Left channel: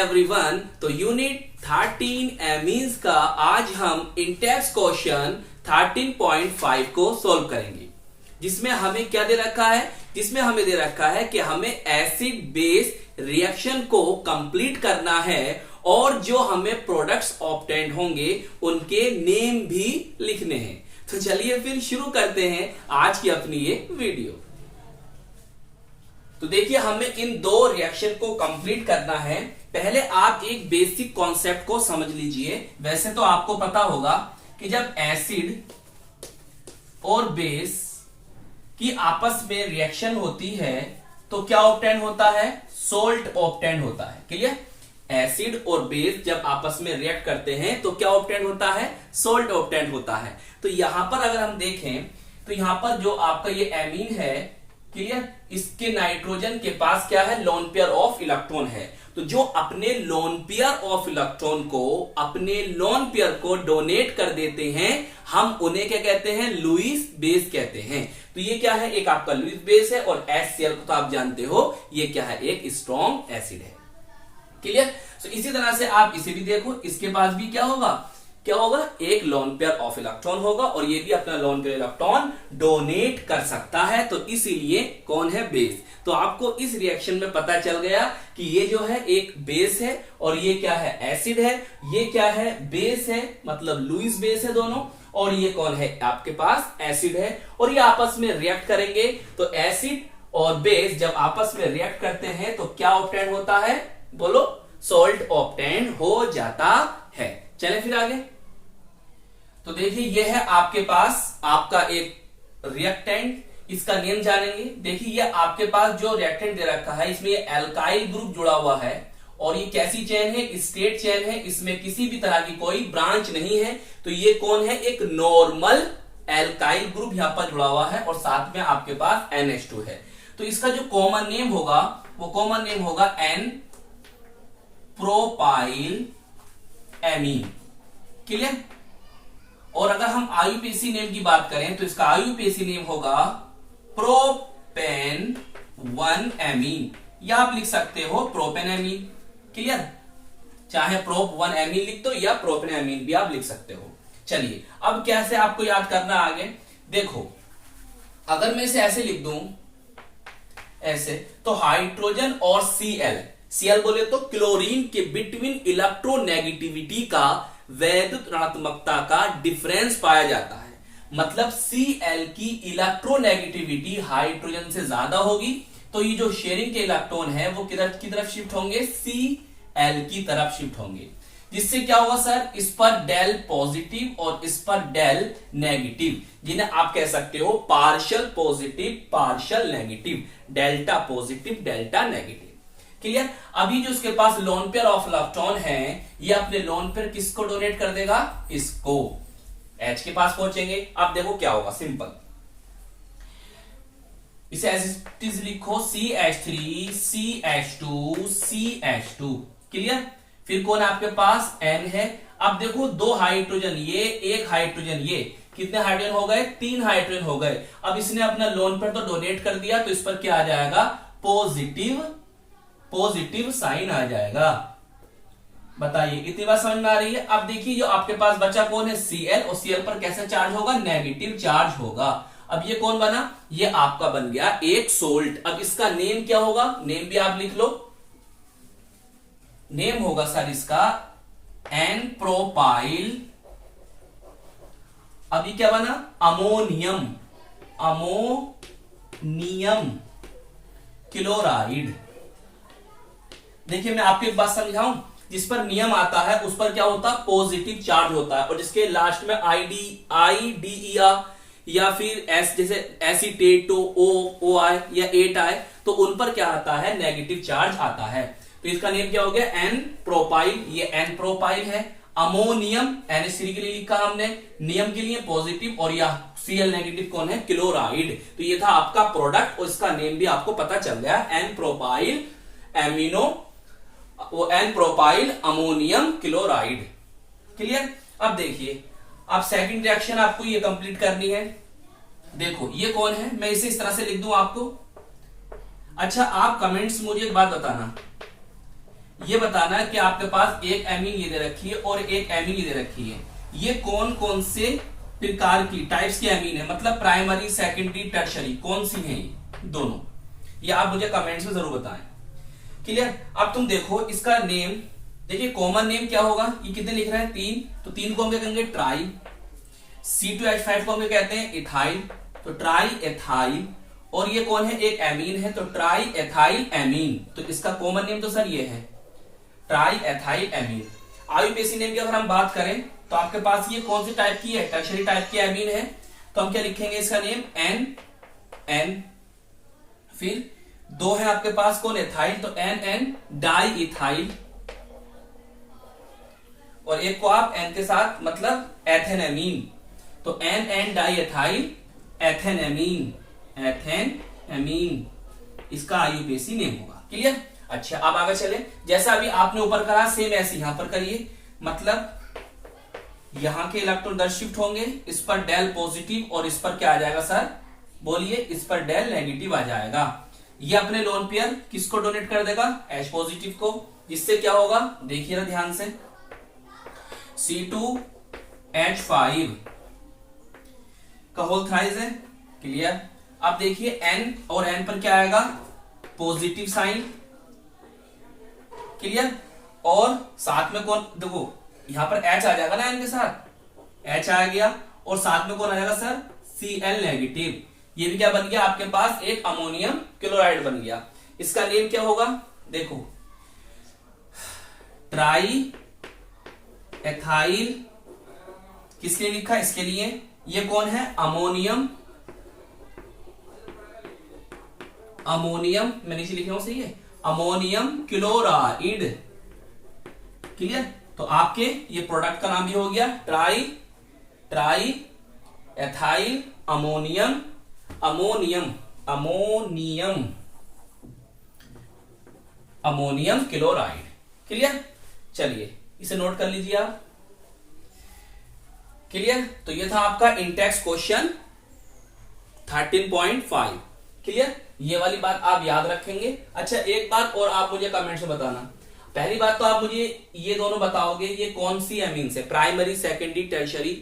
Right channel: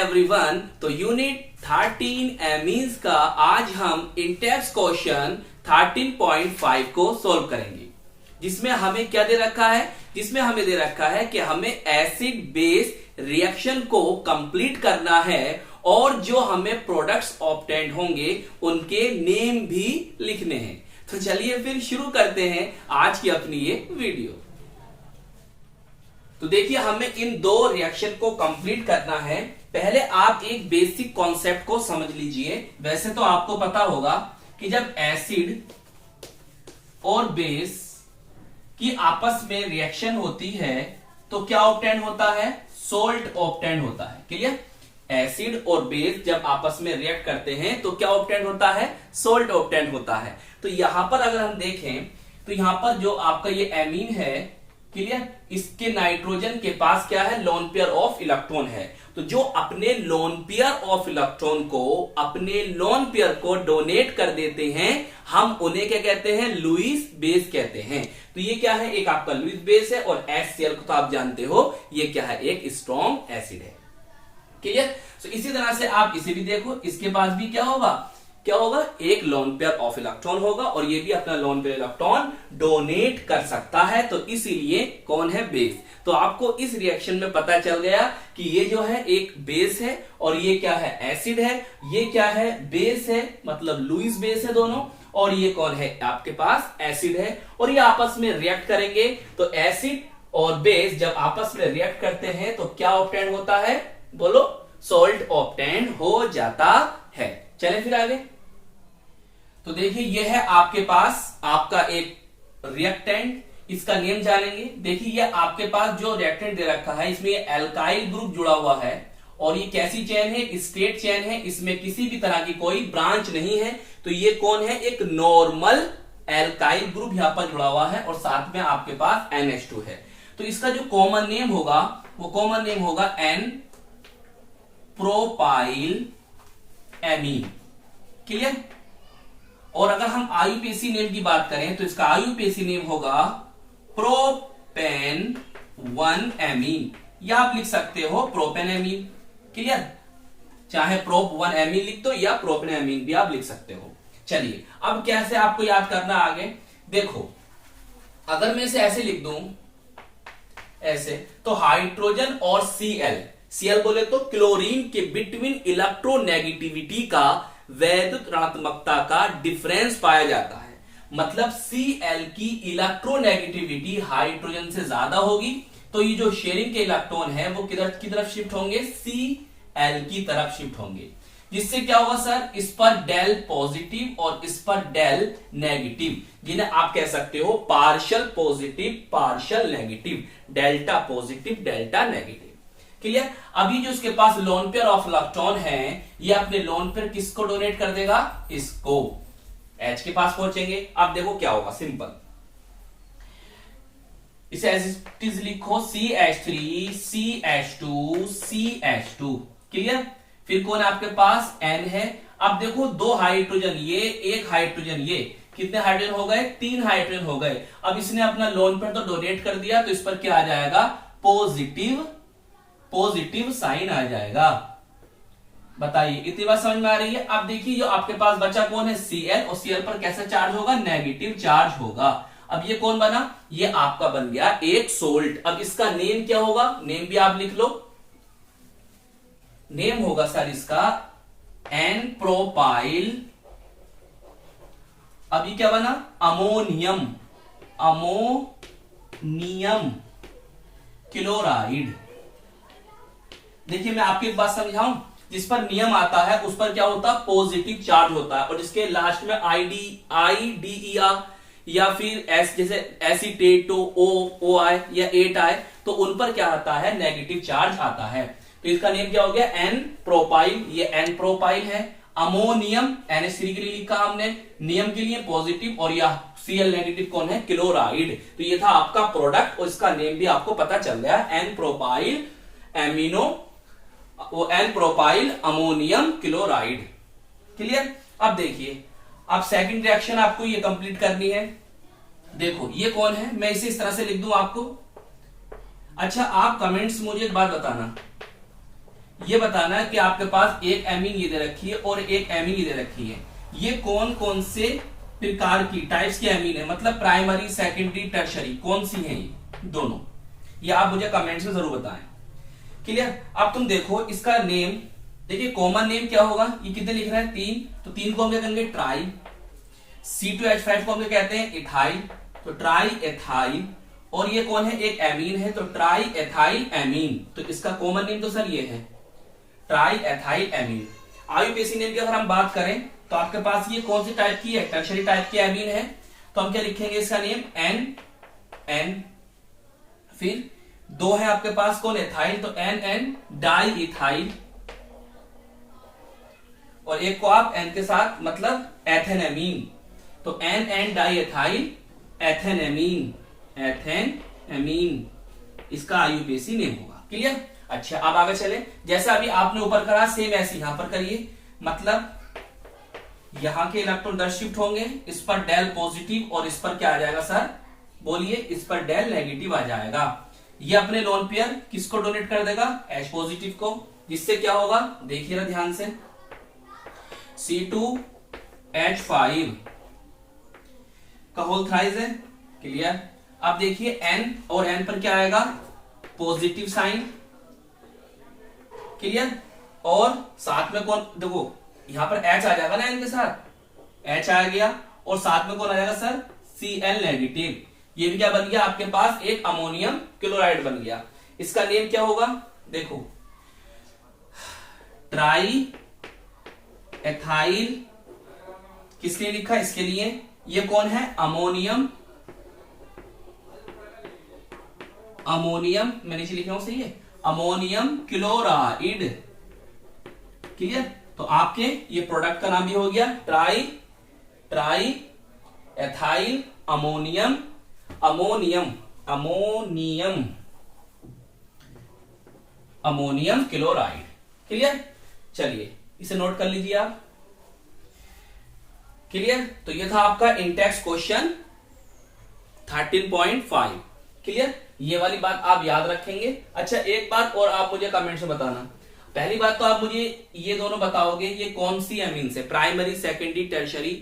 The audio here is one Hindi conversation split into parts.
एवरीवन। तो यूनिट 13 एमीन्स का आज हम इंटेक्स क्वेश्चन 13.5 को सोल्व करेंगे, जिसमें हमें क्या दे रखा है, जिसमें हमें दे रखा है कि हमें एसिड बेस रिएक्शन को कंप्लीट करना है और जो हमें प्रोडक्ट्स ऑब्टेन्ड होंगे उनके नेम भी लिखने हैं। तो चलिए फिर शुरू करते हैं आज की अपनी ये वीडियो। तो देखिए, हमें इन दो रिएक्शन को कंप्लीट करना है। पहले आप एक बेसिक कॉन्सेप्ट को समझ लीजिए। वैसे तो आपको पता होगा कि जब एसिड और बेस की आपस में रिएक्शन होती है तो क्या ऑब्टेन होता है, सोल्ट ऑब्टेन होता है। क्लियर? एसिड और बेस जब आपस में रिएक्ट करते हैं तो क्या ऑब्टेन होता है, सोल्ट ऑब्टेन होता है। तो यहां पर अगर हम देखें तो यहां पर जो आपका ये एमीन है, क्लियर, इसके नाइट्रोजन के पास क्या है, लोन पेयर ऑफ इलेक्ट्रॉन है। तो जो अपने लोन पेयर ऑफ इलेक्ट्रॉन को, अपने लोन पेयर को डोनेट कर देते हैं, हम उन्हें क्या कहते हैं, लुईस बेस कहते हैं। तो ये क्या है, एक आपका लुईस बेस है और HCl को तो आप जानते हो ये क्या है, एक स्ट्रॉन्ग एसिड है। क्लियर? तो इसी तरह से आप इसे भी देखो, इसके पास भी क्या होगा, एक लोन पेयर ऑफ इलेक्ट्रॉन होगा और ये भी अपना लोन पेयर इलेक्ट्रॉन डोनेट कर सकता है। तो इसीलिए कौन है, बेस। तो आपको इस रिएक्शन में पता चल गया कि ये जो है एक बेस है और ये क्या है, एसिड है। ये क्या है, बेस है, मतलब लुईस बेस है दोनों। और ये कौन है, आपके पास एसिड है और ये आपस में रिएक्ट करेंगे। तो एसिड और बेस जब आपस में रिएक्ट करते हैं तो क्या ऑब्टेन होता है, बोलो, सोल्ट ऑब्टेन हो जाता है। चले फिर आगे। तो देखिए, यह है आपके पास आपका एक रिएक्टेंट, इसका नेम जानेंगे। देखिए, ये आपके पास जो रिएक्टेंट दे रखा है इसमें एल्काइल ग्रुप जुड़ा हुआ है और ये कैसी चेन है, स्ट्रेट चेन है, इसमें किसी भी तरह की कोई ब्रांच नहीं है। तो ये कौन है, एक नॉर्मल एल्काइल ग्रुप यहां पर जुड़ा हुआ है और साथ में आपके पास NH2 है। तो इसका जो कॉमन नेम होगा वो कॉमन नेम होगा N प्रोपाइल एमीन। क्लियर? और अगर हम IUPAC नेम की बात करें तो इसका IUPAC नेम होगा प्रोपेन 1 एमीन, या आप लिख सकते हो प्रोपेन एमीन। क्लियर? चाहे प्रोप 1 एमीन लिख दो या प्रोपेन एमीन भी आप लिख सकते हो। चलिए, अब कैसे आपको याद करना आगे देखो। अगर मैं इसे ऐसे लिख दूं, ऐसे, तो हाइड्रोजन और Cl बोले तो क्लोरीन के बिटवीन इलेक्ट्रोनेगेटिविटी का, वैद्युत ऋणात्मकता का डिफरेंस पाया जाता है। मतलब Cl की इलेक्ट्रोनेगेटिविटी हाइड्रोजन से ज्यादा होगी तो ये जो शेयरिंग के इलेक्ट्रॉन है वो किधर की तरफ शिफ्ट होंगे, Cl की तरफ शिफ्ट होंगे। जिससे क्या होगा सर, इस पर डेल पॉजिटिव और इस पर डेल नेगेटिव, जिन्हें आप कह सकते हो partial positive partial negative, delta positive delta negative. Clear? अभी जो इसके पास लोन पेयर ऑफ इलेक्ट्रॉन है, ये अपने लोन पेयर किसको डोनेट कर देगा, इसको। H के पास पहुंचेंगे। अब देखो क्या होगा, सिंपल, इसे एज इट इज लिखो, CH3 CH2 CH2। क्लियर? फिर कौन आपके पास, N है। अब देखो, दो हाइड्रोजन ये, एक हाइड्रोजन ये, कितने हाइड्रोजन हो गए, 3 हाइड्रोजन हो गए। अब इसने अपना लोन पेयर तो डोनेट कर दिया तो इस पर क्या आ जाएगा, पॉजिटिव साइन आ जाएगा। बताइए, इतनी बात समझ में आ रही है? अब देखिए, जो आपके पास बचा कौन है, Cl, और Cl पर कैसा चार्ज होगा, नेगेटिव चार्ज होगा। अब ये कौन बना, ये आपका बन गया एक सोल्ट। अब इसका नेम क्या होगा, नेम भी आप लिख लो, नेम होगा सर इसका N प्रोपाइल। अभी क्या बना, अमोनियम क्लोराइड। देखिए, मैं आपको एक बात समझाऊं, जिस पर नियम आता है उस पर क्या होता है, पॉजिटिव चार्ज होता है, और जिसके लास्ट में IDER या फिर S जैसे एसीटेट O आए या 8 आए तो उन पर क्या आता है, नेगेटिव चार्ज आता है। तो इसका नेम क्या हो गया, N प्रोपाइल। ये N प्रोपाइल है। अमोनियम NH3 के लिए लिखा हमने, नियम के लिए पॉजिटिव, और यह Cl नेगेटिव कौन है, क्लोराइड। तो ये था आपका प्रोडक्ट और इसका नेम भी आपको पता चल गया, N प्रोपाइल एमिनो, वो N propyl ammonium chloride. Clear? अब देखिए, अब सेकंड रिएक्शन आपको ये कंप्लीट करनी है। देखो, ये कौन है, मैं इसे इस तरह से लिख दूं आपको। अच्छा, आप कमेंट्स मुझे एक बात बताना, ये बताना है कि आपके पास एक एमीन ये दे रखी है और एक एमीन ये दे रखी है, ये कौन कौन से प्रकार की टाइप्स की एमीन है, मतलब प्राइमरी सेकेंडरी टर्शरी कौन सी है ये दोनों, ये आप मुझे कमेंट्स में जरूर बताएं। क्लियर। अब तुम देखो इसका नेम, देखिए कॉमन नेम क्या होगा, ये कितने लिख रहे हैं 3, तो 3 को हम क्या कहेंगे ट्राई। C2H5 को हम क्या कहते हैं इथाइल, तो ट्राई एथाइल। और ये कौन है एक एमीन है, तो ट्राई एथाइल एमीन, तो इसका कॉमन नेम तो सर ये है try ethyl amine. IUPAC name की अगर हम बात करें तो आपके पास ये कौन सी टाइप की है, टर्शरी टाइप की एमीन है, तो हम क्या लिखेंगे इसका नेम एन। फिर 2 है आपके पास कौन एथाइल, तो एन डाई इथाइल। और एक को आप एन के साथ मतलब एथेनएमीन, तो एन डाई एथाइल एथेनएमीन, एथेनएमीन इसका आईयूपीएसी नेम होगा। क्लियर। अच्छा अब आगे चले, जैसा अभी आपने ऊपर करा सेम ऐसे यहां पर करिए, मतलब यहां के इलेक्ट्रॉन इधर शिफ्ट होंगे, इस पर डेल पॉजिटिव और इस पर क्या आ जाएगा सर, बोलिए इस पर डेल नेगेटिव आ जाएगा। ये अपने लोन पेयर किसको डोनेट कर देगा, H पॉजिटिव को, जिससे क्या होगा देखिए ध्यान से, C2H5 का होल थ्राइस है। क्लियर। अब देखिए N और N पर क्या आएगा पॉजिटिव साइन। क्लियर। और साथ में कौन, देखो यहां पर H आ जाएगा ना N के साथ, H आ गया और साथ में कौन आ जाएगा सर Cl नेगेटिव। ये भी क्या बन गया आपके पास एक अमोनियम क्लोराइड बन गया। इसका नेम क्या होगा, देखो ट्राई एथाइल, किस लिए लिखा इसके लिए, ये कौन है अमोनियम मैं नीचे लिख रहा हूं सही है, अमोनियम क्लोराइड। क्लियर। तो आपके ये प्रोडक्ट का नाम भी हो गया try ethyl ammonium chloride. Clear. चलिए इसे नोट कर लीजिए आप। क्लियर। तो ये था आपका इंटेक्स क्वेश्चन 13.5। क्लियर। ये वाली बात आप याद रखेंगे। अच्छा एक बात और आप मुझे कमेंट में बताना, पहली बात तो आप मुझे ये दोनों बताओगे ये कौन सी एमीन है, प्राइमरी सेकेंडरी टर्शरी,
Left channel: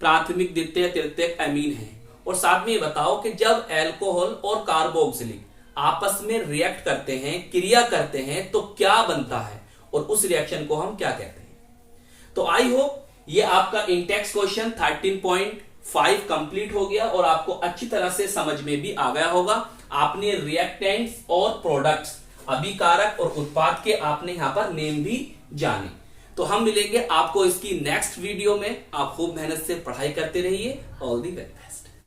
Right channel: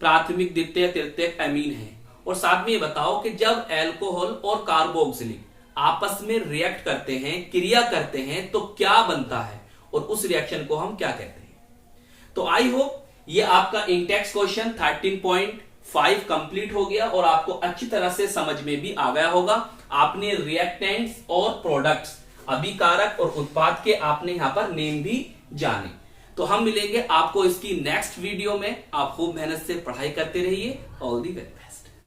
प्राथमिक द्वितीय तृतीयक एमीन है। और साथ में ये बताओ कि जब अल्कोहल और कार्बोक्सिलिक आपस में रिएक्ट करते हैं, क्रिया करते हैं, तो क्या बनता है और उस रिएक्शन को हम क्या कहते हैं। तो आई होप ये आपका इंटेक्स क्वेश्चन 13.5 कंप्लीट हो गया और आपको अच्छी तरह से समझ में भी आ गया होगा। आपने रिएक्टेंट्स और प्रोडक्ट्स, अभिकारक और उत्पाद के आपने यहां पर नेम भी जाने। तो हम मिलेंगे आपको इसकी नेक्स्ट वीडियो में। आप खूब मेहनत से पढ़ाई करते रहिए। All the very best.